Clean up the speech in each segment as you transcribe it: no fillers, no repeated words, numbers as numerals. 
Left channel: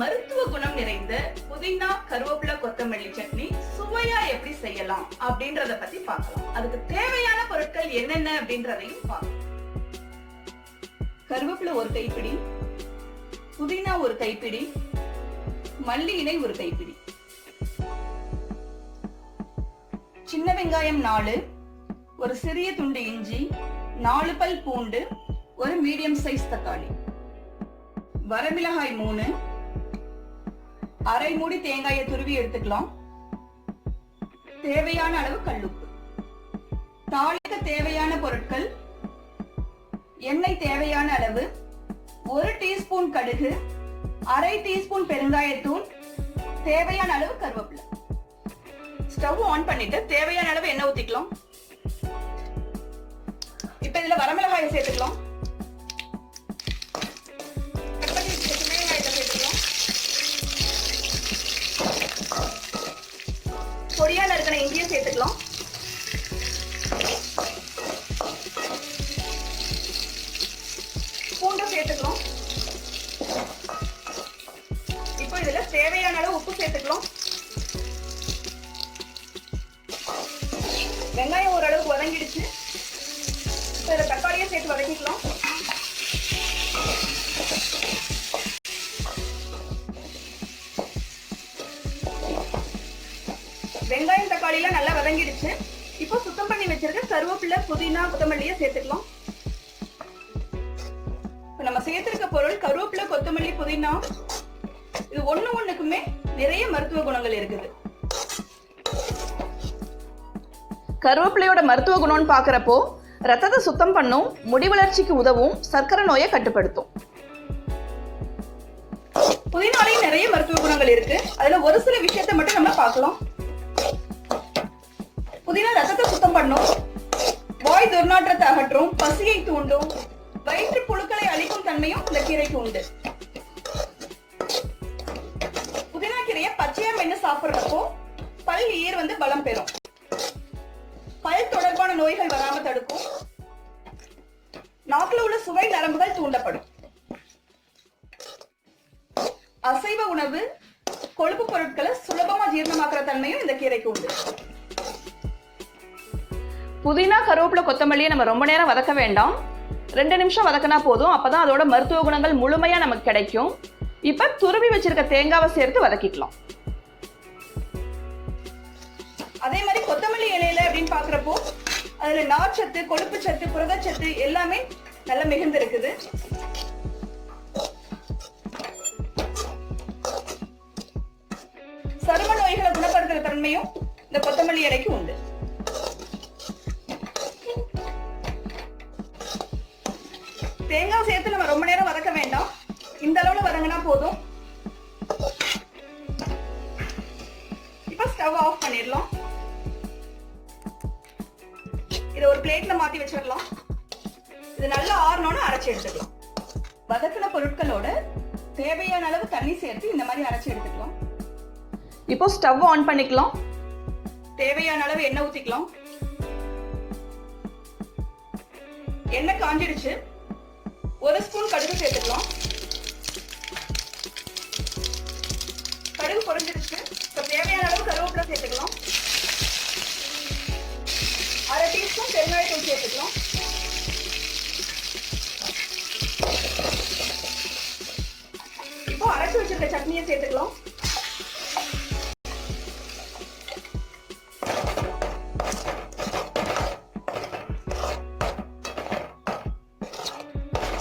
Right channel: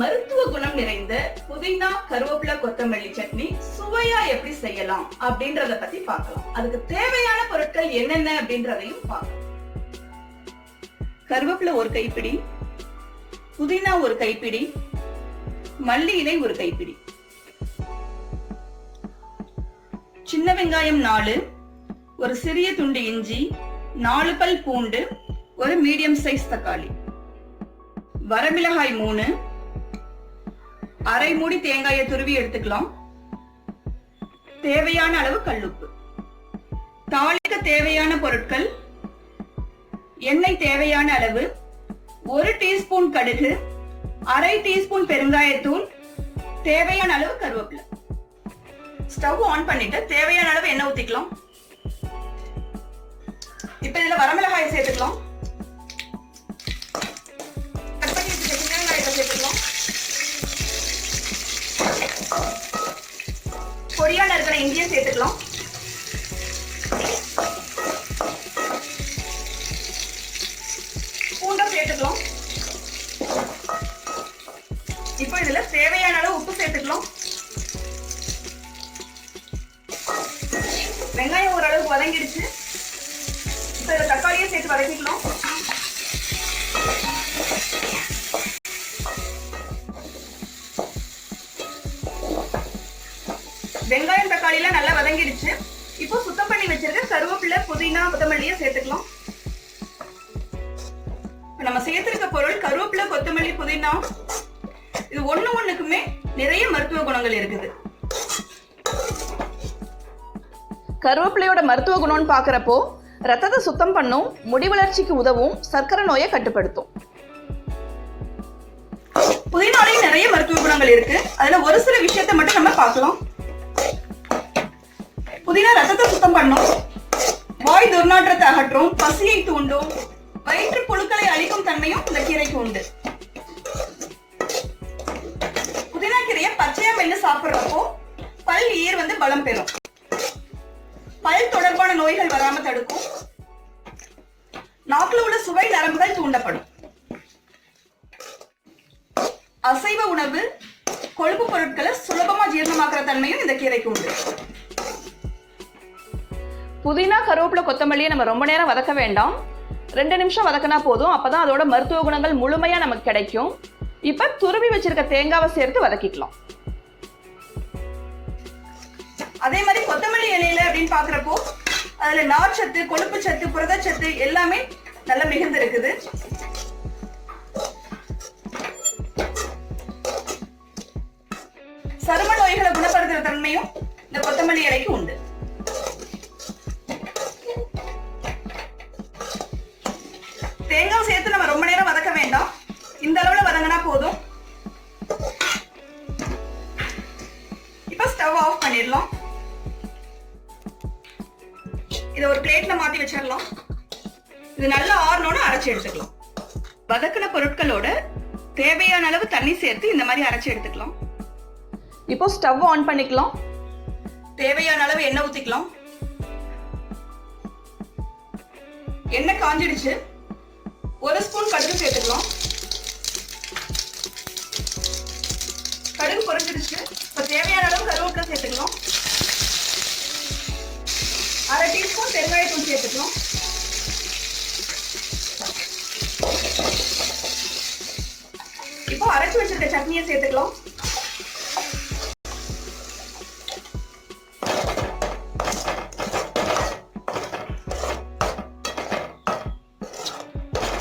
மருத்துவ குணம் நிறைந்த புதினா கருவேப்பிலை கொத்தமல்லி சட்னி சுவையா எப்படி செய்யலாம் அப்படின்றத பத்தி பார்க்கலாம். அதுக்கு தேவையான பொருட்கள் என்னென்ன அப்படின்றதையும் பார்க்கலாம். கருவேப்பிலை ஒரு கைப்பிடி, புதினா ஒரு கைப்பிடி, மல்லி இலை ஒரு கைப்பிடி, சின்ன வெங்காயம் 4, ஒரு சிறிய துண்டு இஞ்சி, 4 பல் பூண்டு, ஒரு மீடியம் சைஸ் தக்காளி, வரமிளகாய் 3, அரை மூடி தேங்காயை துருவி எடுத்துக்கலாம். தேவையான அளவு கல்லுப்பு. தாளிக்க தேவையான பொருட்கள்: எண்ணெய் தேவையான அளவு, 1 டீஸ்பூன் கடுகு, அரை டீஸ்பூன் பெருங்காயத்தூள், தேவையான அளவு கருவேப்பிலை. ஸ்டவ் ஆன் பண்ணிட்டு தேவையான அளவு எண்ணெய் ஊத்திக்கலாம். இப்ப இதுல வரமிளகாயை சேர்த்துக்கலாம். பொடியான இருக்கிற இஞ்சியை சேர்த்துக்கலாம். பூண்டும் சேர்த்துக்கலாம். இப்போ இதுல தேவையான அளவு உப்பு சேர்த்துக்கலாம். வெங்காயம் ஓரளவுக்கு வதங்கிடுச்சு. இப்போ இதுல தக்காளியை சேர்த்து வதக்கிக்கலாம். வெங்காயம் தக்காளி எல்லாம் நல்லா வதங்கிடுச்சு. இப்போ சுத்தம் பண்ணி வச்சிருக்க கருவேப்பிலை புதினா கொத்தமல்லியை சேர்த்துக்கலாம். நம்ம சேர்த்திருக்க பொருள் கருவேப்பிலை கொத்தமல்லி புதினா, இது ஒண்ணுக்குமே நிறைய மருத்துவ குணங்கள் இருக்குது. கருவேப்பிலையோட மருத்துவ குணம்னு பாக்குறப்போ ரத்தத்தை சுத்தம் பண்ணும், முடி வளர்ச்சிக்கு உதவும், சர்க்கரை நோயை கட்டுப்படுத்தும். புதினாலையும் நிறைய மருத்துவ குணங்கள் இருக்கு. அதுல ஒரு சில விஷயத்தை மட்டும் நம்ம பார்க்கலாம். புதினா ரத்தத்தை சுத்தம் பண்ணும், வாய் துர்நாற்றத்தை அகற்றும், பசியை தூண்டும், வயிற்று புழுக்களை அழிக்கும் தன்மையும் இந்த கீரைக்கு உண்டு. புதினா கீரையை பச்சையா மென்னு சாப்பிடுறப்போ பல் ஈர் பலம் பெறும், பல் தொடர்பான நோய்கள் வராம தடுக்கும், நாக்குல உள்ள சுவை நரம்புகள் தூண்டப்படும். அசைவ உணவு, கொழுப்பு பொருட்களை சுலபமா ஜீரணமாக்குற தன்மையும் இந்த கீரைக்கு உண்டு. புதினா கருவேப்பிலை கொத்தமல்லியை நம்ம ரொம்ப நேரம் வதக்க வேண்டாம், 2 நிமிஷம் வதக்கினா போதும். அப்பதான் அதோட மருத்துவ குணங்கள் முழுமையா நமக்கு கிடைக்கும். இப்ப துருவி வச்சிருக்க தேங்காவை சேர்த்து வதக்கிக்கலாம். அதே மாதிரி கொத்தமல்லி இலையில அப்படின்னு பாக்குறப்போ அதுல நார்ச்சத்து, கொழுப்பு சத்து, புரதச்சத்து எல்லாமே நல்ல மிகுந்து இருக்குது. சரும நோய்களை குணப்படுத்துற தன்மையும் இந்த கொத்தமல்லி இலைக்கு உண்டு. தேங்காய் சேர்த்து நம்ம ரொம்ப நேரம் வதக்க வேண்டாம், இந்த அளவுல வதங்கினா போதும். இப்ப ஸ்டவ் ஆஃப் பண்ணிடலாம். இதை ஒரு பிளேட்ல மாத்தி வச்சிடலாம். இது நல்லா ஆறணும்னு அரைச்சு எடுத்துக்கலாம். வதக்கின பொருட்களோட தேவையான அளவு தண்ணி சேர்த்து இந்த மாதிரி அரைச்சு எடுத்துக்கலாம். இப்போ ஸ்டவ் ஆன் பண்ணிக்கலாம். தேவையான அளவு எண்ணெய் ஊத்திக்கலாம். எண்ணெய் காஞ்சிடுச்சு. 1 ஸ்பூன் கடுகு சேர்த்துக்கலாம். கடுகு பொரிஞ்சிடுச்சு. இப்ப தேவையான அளவு கருவேப்பிலை சேர்த்துக்கலாம். அரை டீஸ்பூன் பெருங்காயத்தூள் சேர்த்துக்கலாம். இப்போ அரைச்சு வச்சிருக்க சட்னியை சேர்த்துக்கலாம்.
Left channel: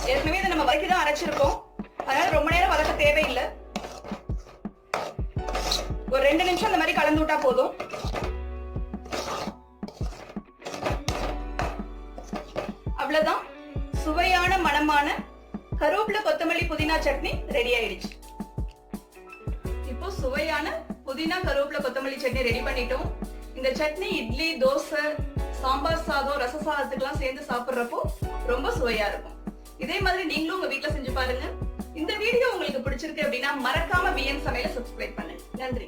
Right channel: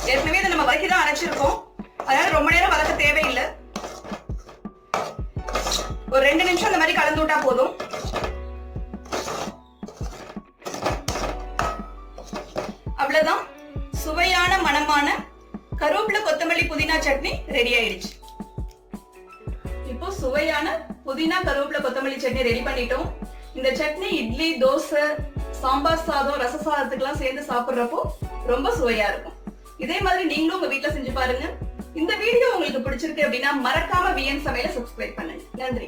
ஏற்கனவே இதை நம்ம வதக்கி தான் அரைச்சிருக்கோம், அதனால ரொம்ப நேரம் வதக்க தேவையில்லை. ஒரு 2 நிமிஷம் இந்த மாதிரி கலந்து விட்டா போதும். அவ்வளவுதான், சுவையான மணமான கருவேப்பிலை கொத்தமல்லி புதினா சட்னி ரெடி ஆயிடுச்சு. இப்போ சுவையான புதினா கருவேப்பிலை கொத்தமல்லி சட்னி ரெடி பண்ணிட்டோம். இந்த சட்னி இட்லி, தோசை, சாம்பார் சாதம், ரச சாதத்துக்கெல்லாம் சேர்ந்து சாப்பிடுறப்போ ரொம்ப சுவையா இருக்கும். இதே மாதிரி நீங்களும் உங்க வீட்டுல செஞ்சு பாருங்க. இந்த வீடியோ உங்களுக்கு பிடிச்சிருக்கு அப்படின்னா மறக்காம விஎன் சமையலை சப்ஸ்கிரைப் பண்ணுங்க. நன்றி.